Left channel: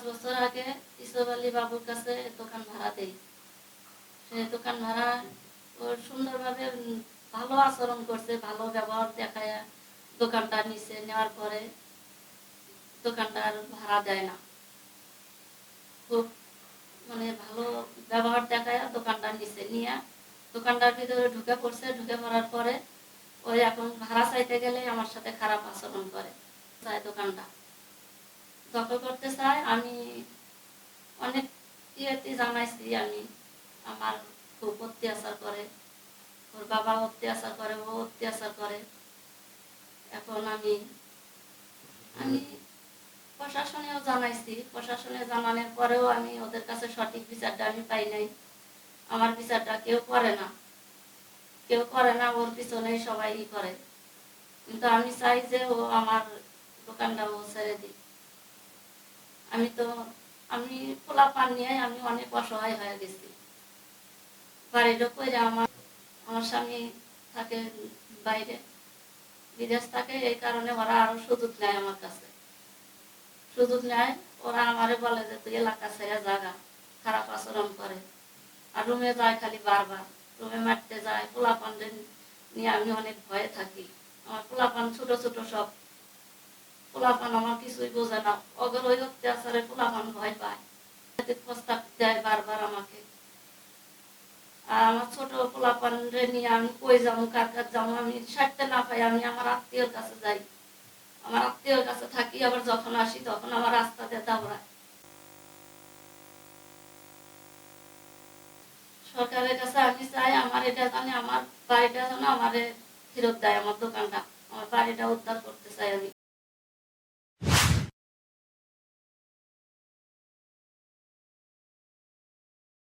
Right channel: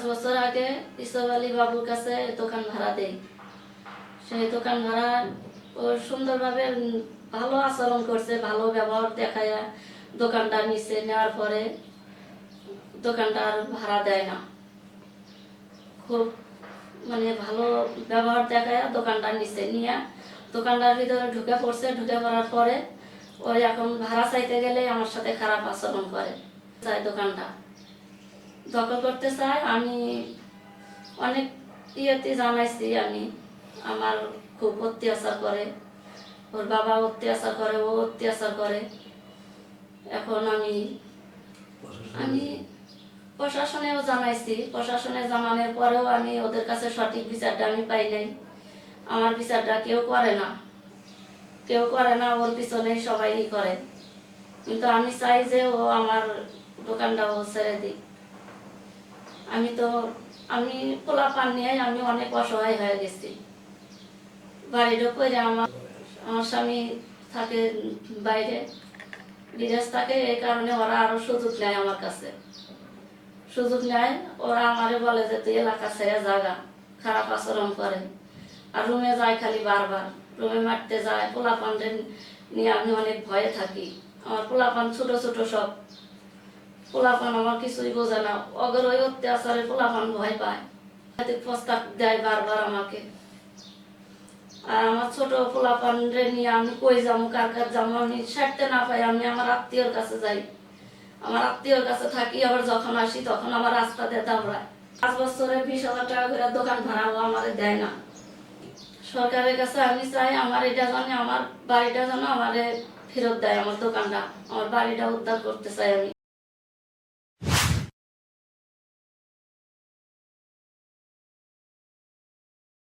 পাঁচ বছর আগে ইসব আলী বাবুর কাছে দোকান ভাড়া দেই। সেই দোকান ভাড়া ও সুন্দরভাবে ভালো আচরণ করছে, ভালো ব্যবহার দেখায় দোকানটা নিচে নেওয়ার পরে দোকানটা আর ভাড়া দেয় না। খুব মানে ভালো ব্যবহার দেখায় দোকানটা নিচে নিয়ে দোকানটার ভিতরে ঢুকে পড়ছে। ঢুকে পড়ার পরে ওই এখন ভাড়া চাইতে গেলে আমার সাথে খারাপ আচরণ করে। চাই দোকানটা। দখল করতে চাই। আমি অনেক ইয়েতে জানাইছি আমি, আমার খুব অত্যাচার করে, ওর বাবা অত্যাচার করে, ও অত্যাচার করে। এখন আমি আমি প্রশাসনেও জানাইছি। প্রশাসনে জানানোর পরেও আমি ওদের কাছে সঠিক বিচারটা আমি পাই নাই। আমার বিচারটা কেউ করে না। কেউ করে না, ওর পিছনে সবাই করে। কিন্তু আমি চাই যে ও আমার দোকানটা ও ছেড়ে দিক। আমি তো, আমি পোলা পান নিয়ে আমি অনেক অসহায় হয়ে গেছি। বাড়িটা করে আমার আমার স্বামী থাকে বাইরে, বিদেশ থাকে, এই কারণে ওরা আরও সুযোগ নেয় আমার কাছে। সুযোগ নেয়, ওরা আমারে বলে যে, তুই এলাকা ছেড়ে জাগা খারাপ আচরণ করে। আর রুমে যায় খালি বারবার। রুমে মারতে যায় পোলাপান নিয়ে আমি অনেক ভয়ে থাকি। আমার পোলাপান ছোট ছোট সব। পোলাপান আমার কিছুই বোঝে না। অগর ওই অত্যাচারে পোলাপান ভয় পায়। প্রস্তাব দেয় বারবার আমাকে। আর আমার ছোট পোলাপান রে নিয়ে আমি কই যাব, কার কার যাব? আমি সারতে না পাই, আমি আমার আত্মীয়র কাছে যাই। আমার আত্মীয়র কাছে থাকি, আবার যখন আসি তখন আমার রাস্তা দিয়ে দাবড়ায় পাঁচ বছরে বিশ হাজার টাকা করে দোকান ভাড়াও আমাদের দেয় না। সরকারের কাছে আমি চাই আমার এটা জানি আমার বাড়িটা যেন আমারে ফেরত দেয়, আমার দোকানটা। আমার বাড়িটা উদ্ধার করতে চাই আমি।